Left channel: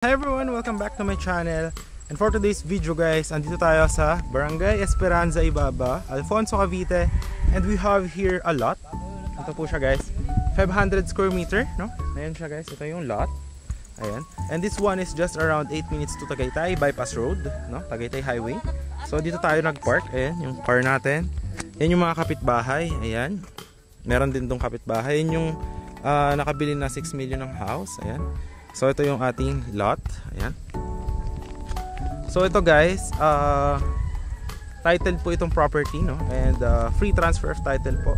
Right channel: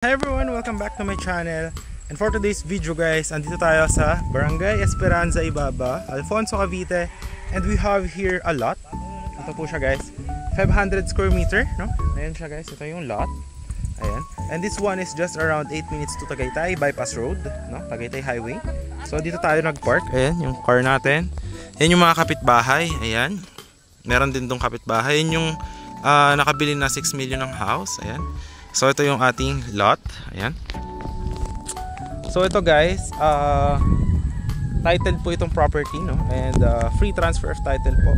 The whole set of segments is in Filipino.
Hi everyone! Welcome back to my channel. And for today's video guys, andito tayo sa Barangay Esperanza Ibaba, Alfonso, Cavite. And we have here a lot. Ito po siya guys, 500 square meter, no? Ayan siya guys, ito yung lot. Ayan. And this one is just around 8 minutes to Tagaytay Bypass Road, no? Tagaytay Highway. So dito tayo nag-park. Ayan, yung car natin. Ayan yung mga kapitbahay. Ayan. Meron din tong kapitbahay. Ayan yung nakabili na 6 million ng house. Ayan. So ito yung ating lot. Ayan. So ito guys, title po itong property, no? And free transfer of title po.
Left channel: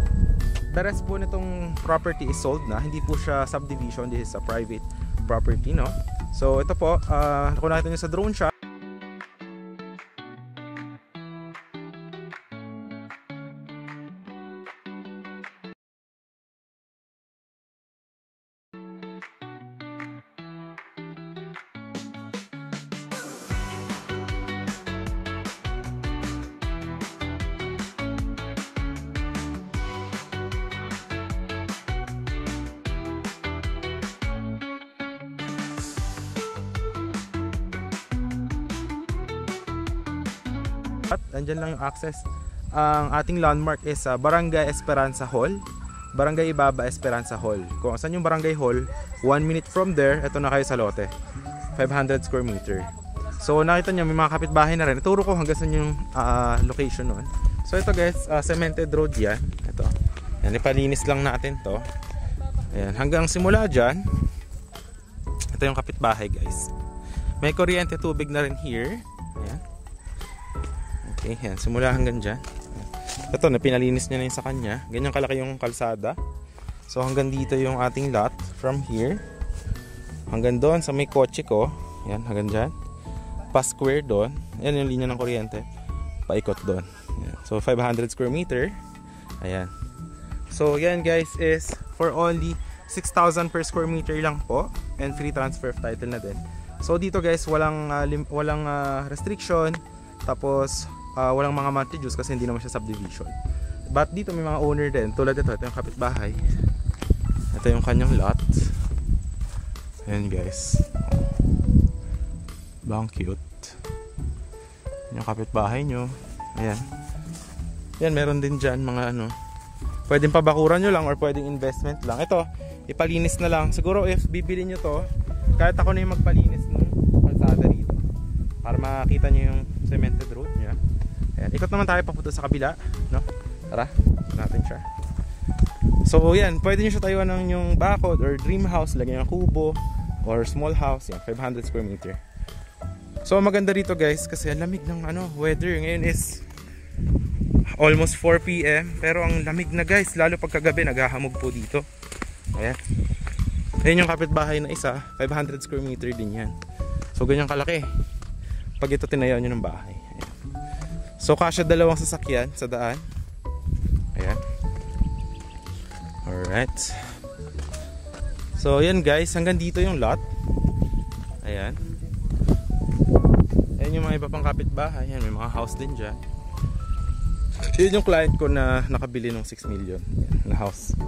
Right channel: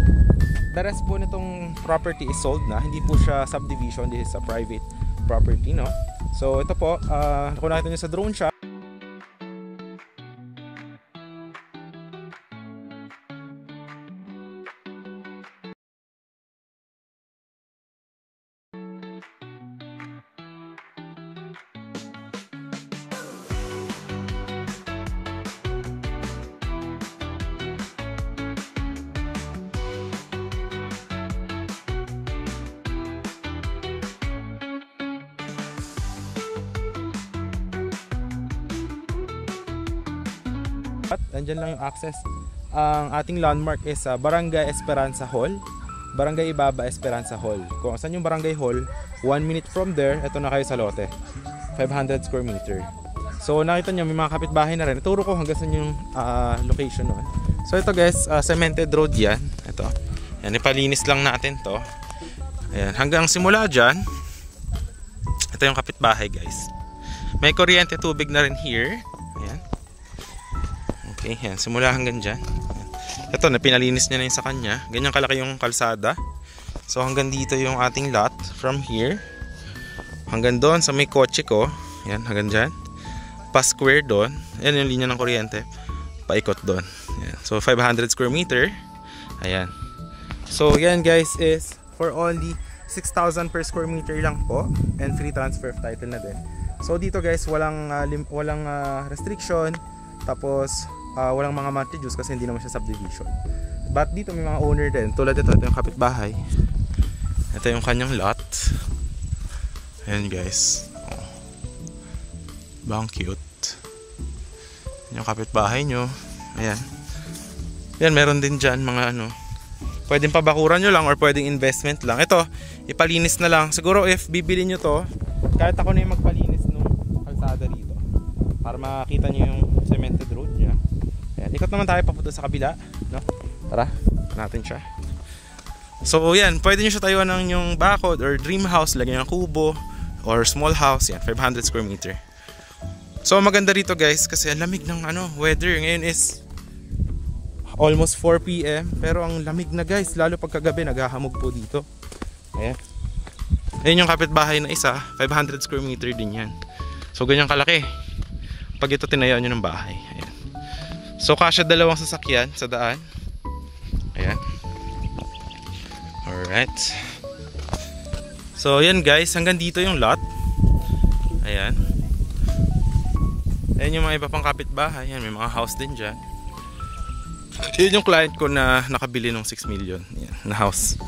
The rest po nitong property is sold na. Hindi po siya subdivision. This is a private property, no? So ito po, kung nakita nyo sa drone shot, andyan lang yung access. Ang ating landmark is Barangay Esperanza Hall, Barangay Ibaba Esperanza Hall. Kung saan yung Barangay Hall, 1 minute from there, ito na kayo sa lote, 500 square meter. So nakita nyo may mga kapitbahay na rin. Ituro ko hanggang saan yung location nun. So ito guys, cemented road yan. Ito, yan, ipalinis lang natin to. Ayan, hanggang simula dyan, ito yung kapitbahay guys. May kuryente, tubig na rin here. Ayan. Okay, yan, simula hanggang dyan. Ito, na pinalinis niya na yun sa kanya. Ganyan kalaki yung kalsada. So hanggang dito yung ating lot. From here hanggang doon sa may kotse ko. Yan, hanggang dyan. Pa-square doon. Yan yung linya ng kuryente. Paikot doon. Yan. So 500 square meter. Ayan. So yan guys is for only 6,000 per square meter lang po. And free transfer of title na din. So dito guys, walang restriction. Tapos walang mga monthly dues kasi hindi naman siya subdivision. But dito may mga owner din. Tulad ito yung kapitbahay. Ito yung kanyang lot. Ayan guys. Bang cute. Yung kapitbahay nyo. Ayan. Yan, meron din dyan mga ano. Pwedeng pabakuran nyo lang or pwedeng investment lang. Ito, ipalinis na lang. Siguro if bibili nyo to, kahit ako na yung magpalinis ng kalsada rito. Para makita nyo yung cemented road niya. Ayan, ikot naman tayo papunta sa kabila, no? Tara, natin siya. So yan, pwede nyo siya tayuan ng yung bakod or dream house, lagyan ng kubo or small house. Yan, 500 square meter. So maganda rito guys kasi ang lamig ng weather. Ngayon is almost 4 PM pero ang lamig na guys, lalo pagkagabi naghahamog po dito. Ayan. Ayan yung kapitbahay na isa, 500 square meter din yan. So ganyan kalaki pag ito tinayaw nyo ng bahay. Ayan. So kasya dalawang sasakyan sa daan. Ayan. Alright. So yan guys, hanggang dito yung lot. Ayan. Ayan yung mga iba pang kapitbahay. Ayan, may mga house din dyan. Yun yung client ko na nakabili ng 6 million. Ayan, na house.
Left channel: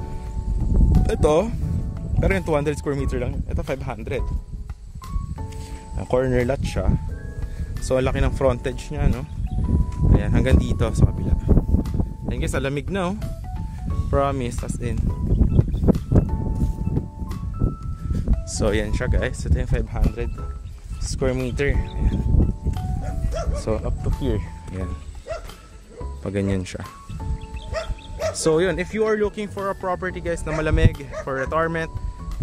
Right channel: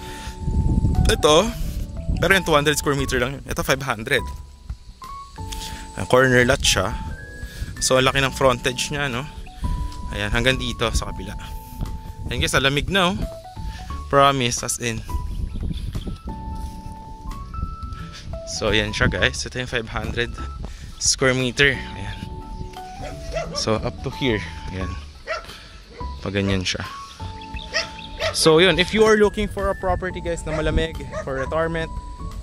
Ito, pero yung 200 square meter lang. Ito 500. Corner lot siya. So laki ng frontage niya, no? Ayan, hanggang dito sa kabila. Ayan guys, alamig na, oh. Promise, as in. So ayan siya guys. Ito yung 500 square meter. Ayan. So up to here. Ayan. Pag ganyan siya. So yun, if you are looking for a property guys na malamig for retirement,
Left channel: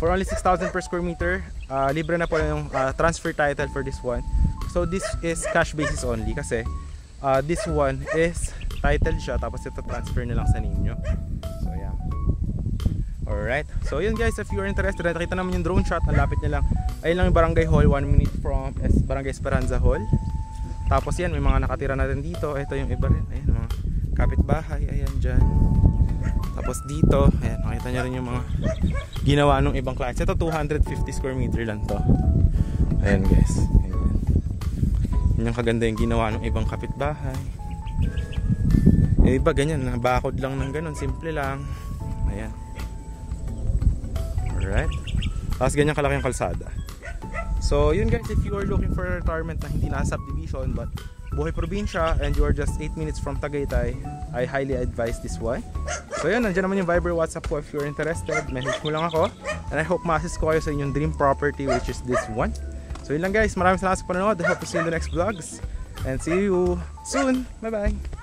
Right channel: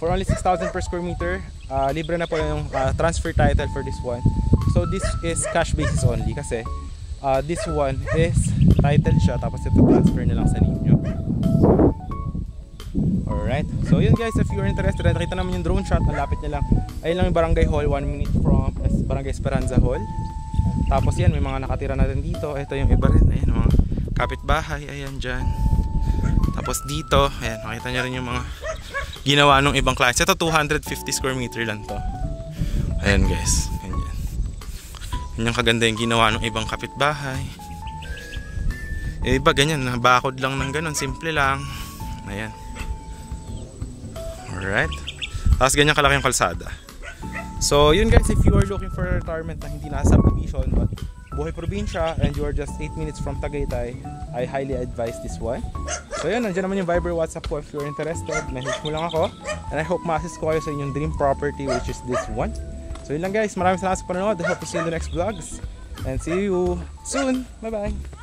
for only 6,000 per square meter, libre na po yung transfer title for this one. So this is cash basis only kasi this one is title siya tapos ito transfer na lang sa ninyo. Alright, so yun guys, if you are interested, nakita naman yung drone shot, ang lapit niya lang. Ayun lang yung Barangay Hall, 1 minute from Barangay Esperanza Hall. Tapos yan, may mga nakatira na rin dito. Ito yung iba rin, ayun, mga kapitbahay, ayan dyan. Tapos dito, ayan, makita nyo rin yung mga ginawa ng ibang clients. Ito 250 square meter lang to. Ayan guys, ganyan. Yan yung kaganda yung ginawa ng ibang kapitbahay. Iba ganyan, bakod lang ng ganun, simple lang. Ayan. Alright. Tapos ganyan kalaki yung kalsada. So yun guys, if you are looking for a retirement na hindi nasa subdivision but buhay probinsya and you are just 8 minutes from Tagaytay, I highly advise this one. So yun, nandiyan naman yung Viber, WhatsApp ko if you're interested. Message mo lang ako and I hope ma-assist ko kayo sa inyong dream property, which is this one. So yun lang guys, maraming salamat sa panonood. I hope to see you in the next vlogs and see you soon. Bye bye.